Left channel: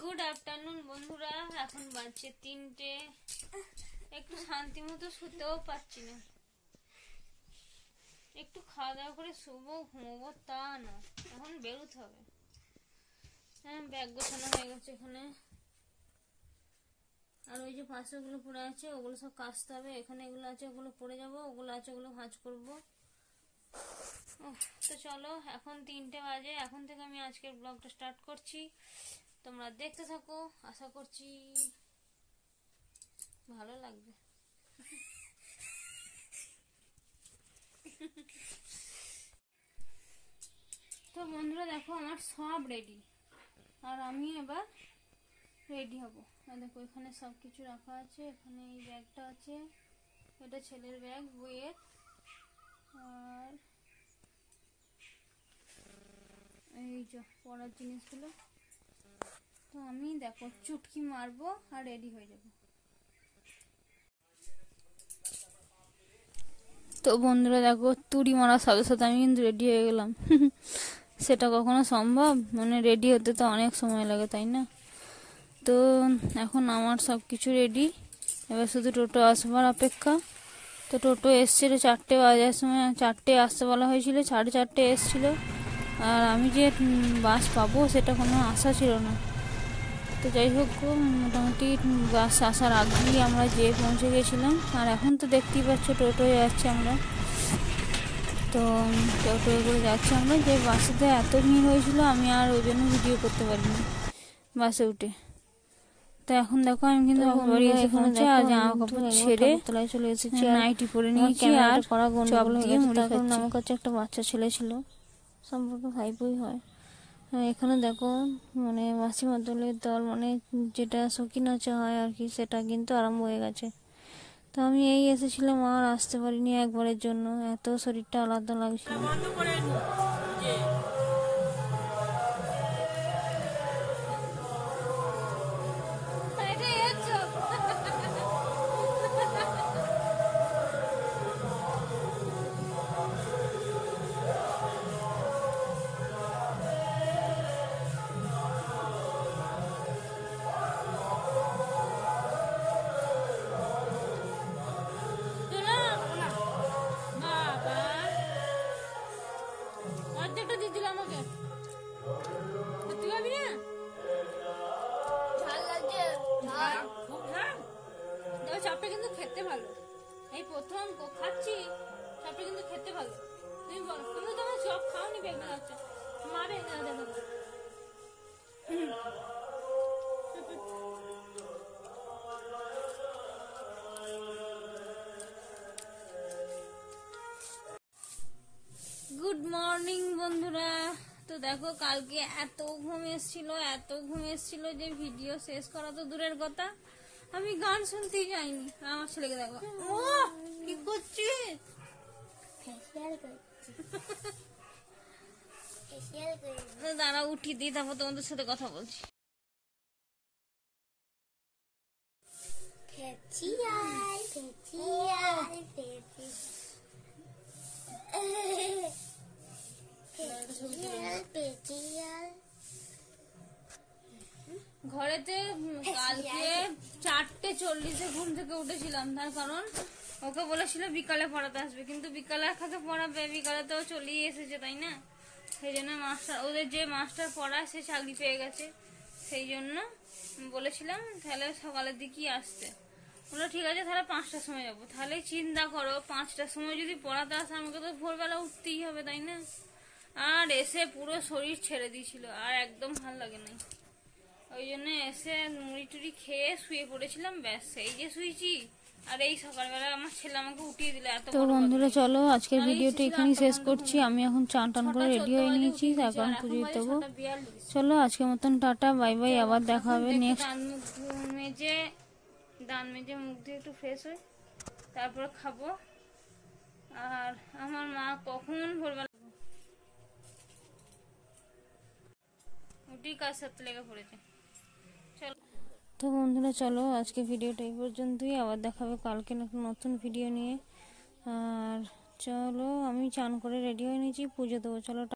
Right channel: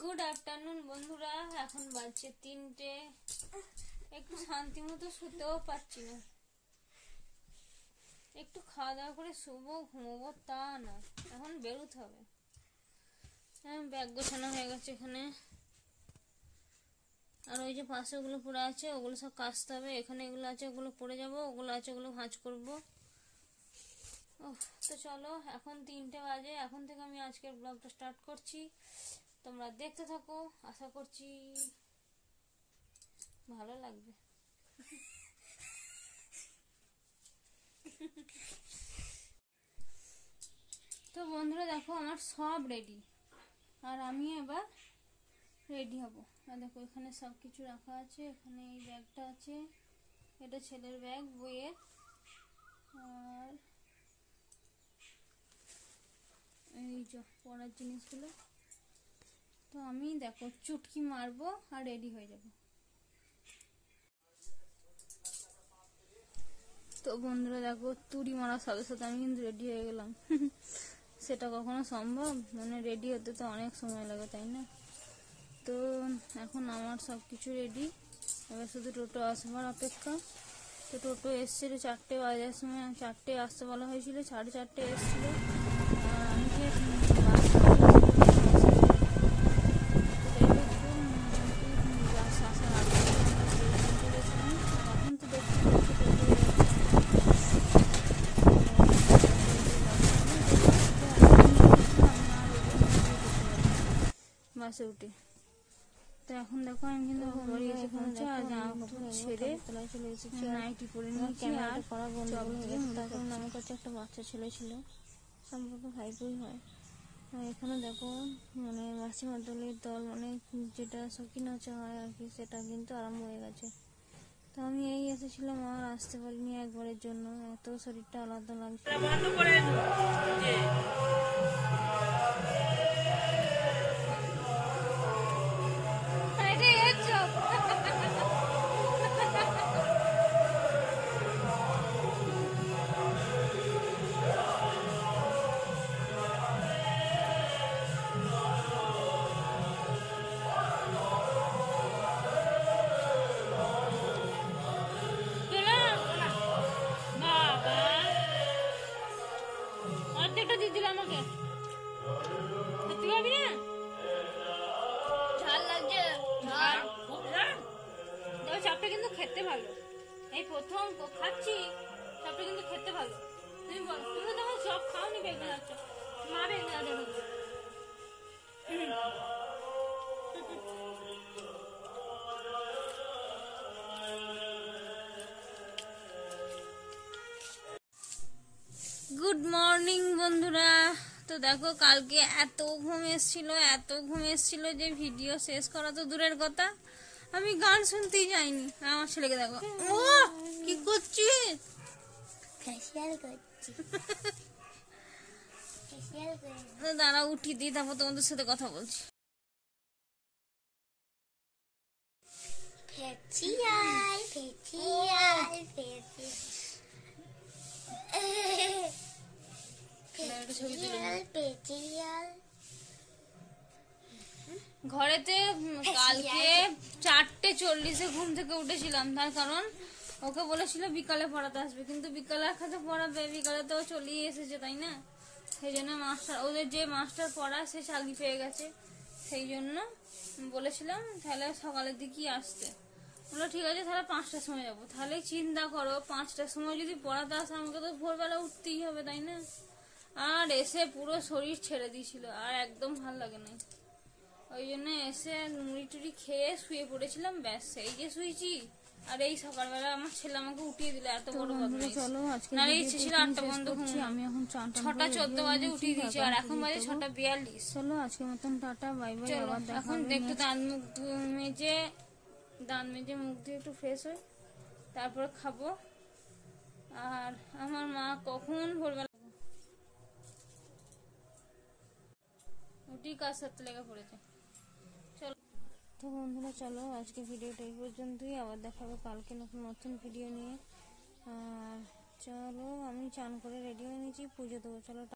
Good afternoon বন্ধুরা, এখন বাজছে 3টে। একটু শান্তি মতো শুতেও পাচ্ছি না। একটু খাওয়া দাওয়া করে শুবো, ঘুমোবো, তা না, এখন বেরোতে হবে। হ্যাঁ, ব্যাগ গোছানো হয়ে গেছে এখানে। আর ওই যে পাশে ওগুলো পড়ে আছে, ওগুলো সব কাচতে হবে। এখানে এগুলো আছে, ওগুলো পড়ে যাবো। ওগুলো আছে, ওগুলো ভাঁজ করবো। তো চলো, এখন 3টে বাজে। এখন থেকে আমি আজকের ব্লগটা স্টার্ট করছি। তোমরা দেখতে থাকো, আশা করছি ভালো লাগবে। তো বন্ধুরা দেখো, আমার সব রেডি, আর আমি এবার রেডি হব। আর দেখো, এখানে সব কিছু রাখা আছে। এখানে এই ব্যাগটা আছে, এটা ছেলের ব্যাগ, বইয়ের। আর এই যে পড়ার জিনিসগুলো। তো আমি দেখো চুটকি মারবো আর রেডি হয়ে যাব। তো বন্ধুরা দেখো, তুড়ি মারার সাথে সাথে আমি কিন্তু রেডি হয়ে গেলাম। সেটা কখনো সম্ভব? মানে রেডি হতে তো অনেক সময় লাগে, তাই না? তো এখন আমার সব কিছু রেডি, এবার শুধু টোটো আসবার অপেক্ষা। তো টোটো এসছিল 4টে বাজার সময়, 4টে আসতে বলা হয়েছিল, 4:30 এসছিল। আর আমি যে বাস পাবো সেটা কোনো আশা ছিল না। তো যাই হোক, মোটামুটি বাস আসার আগেই আমরা যেয়ে পৌঁছে গেছিলাম। আর এখন তো দেখতেই পাচ্ছ টোটোয় যাচ্ছি আমরা। তো টোটোয় করে যাচ্ছি আমরা। যে বাসেতে এত ভিড় হয়েছিল, আমি আর ওই জন্য ভিডিও করতে পারিনি বাসে উঠে। তো এখন দেখো, আমি কিন্তু বাড়ি এসে পৌঁছে আর জামা কাপড় ছেড়ে তলায় চলে এসেছি, নাইটি পরে নিয়েছি। আর চপ দিয়ে মুড়ি খাচ্ছি। আমার কাছে একটা বাচ্চা ছেলে ছিল, সম্পর্কে ভাইপোই হয়। এখানে দেখো, মানে মাসি মাদলের দল, মানে যেটা শৌখিন নাচা হয় আর কি, সেটা কিন্তু আরম্ভ হয়ে গেছে। তো আমি এই এসেছিলাম, আর আসতে পারিনি একবারের জন্য, এত শরীরটা আলাদা লাগছিল। অর্ধেকটা দিয়ে দিল আমাকে, তুই পাবি না? ঝাল লাগছে, ঝাল খুব ঝাল। দেখো, চাপটা কিন্তু খেতে ভালো। এই প্রথম খাচ্ছি, চাপটা কিন্তু খেতে ভালো। তুমি বলো, তুমি তো আমার সব খাওনি বেগুন আচ্ছা, মা বেগুন দেখো। গুড মর্নিং বন্ধুরা। তো দেখো, কালকে এত ঘুম এসেছিল যে ভিডিও শেষ করা তো দূরের কথা, আমি গান শুনতেই যাইনি। আমার ছেলেকে দেখো, ও কি করছিস? দাঁড়া, উঠি দিই, তারপর তোমাদের সাথে কথা বলছি। ঘরেতে কালকে 4:40 ঘুম থেকে উঠেছিলাম, তার কারণ ওকে বলেছিল বিকালে পড়াতে আসবে, কিন্তু বিকালে একাতে পড়াবে, বিকালে তো চলেই এসেছে, তাই না? সেই জন্য মাস্টার, ওদের যে মাস্টার পড়ায় সে চাকরি পেয়ে গেছে, সেই জন্য বলেছিলাম তাহলে সকালের দিকেই আসতে। বললো ঠিক আছে, তাহলে 5টার সময় যাবো। তাহলে চিন্তা করো, 5টার সময় যদি পড়াতে আসে, আমাকে তো ভোরবেলা উঠতেই হবে, তাই না? আর এসে পুরো শরীর ছেড়ে দিয়েছিল, আর একদম ভালো লাগে নাই। ওই জন্য এসে মুড়ি টুড়ি খেয়ে শুয়ে পড়েছিলাম, ব্যাস সেই যে শুয়েছি। আর এই সকালবেলা আমার ছেলে আমাকে উঠিয়ে দিল। এত বড় বন্ধুরা, চলো আজকের ভিডিওটা এখানেই শেষ করছি। আমি এখন চান টান করে রেডি হয়ে নিয়েছি, এখন বাজে 6:42। চলো আজকের মতন টাটা, বাই বাই, আবার দেখা হবে নেক্সট। দাঁত মেজে মুখ দিয়ে একটু ফ্রেশ হই, তারপরে খাবো। আর আমার মা কখন ভোরবেলা উঠি কাজ সাথে লেগে পড়েছে। তো বন্ধুরা, চলো আজকে ভিডিওটা এই পর্যন্তই, আবার দেখাবে কালকে নতুন ভিডিও নিয়ে। আর চলো, আমি চান করে রেডি হয়ে নিয়েছি, পুজো দেবো। চলো।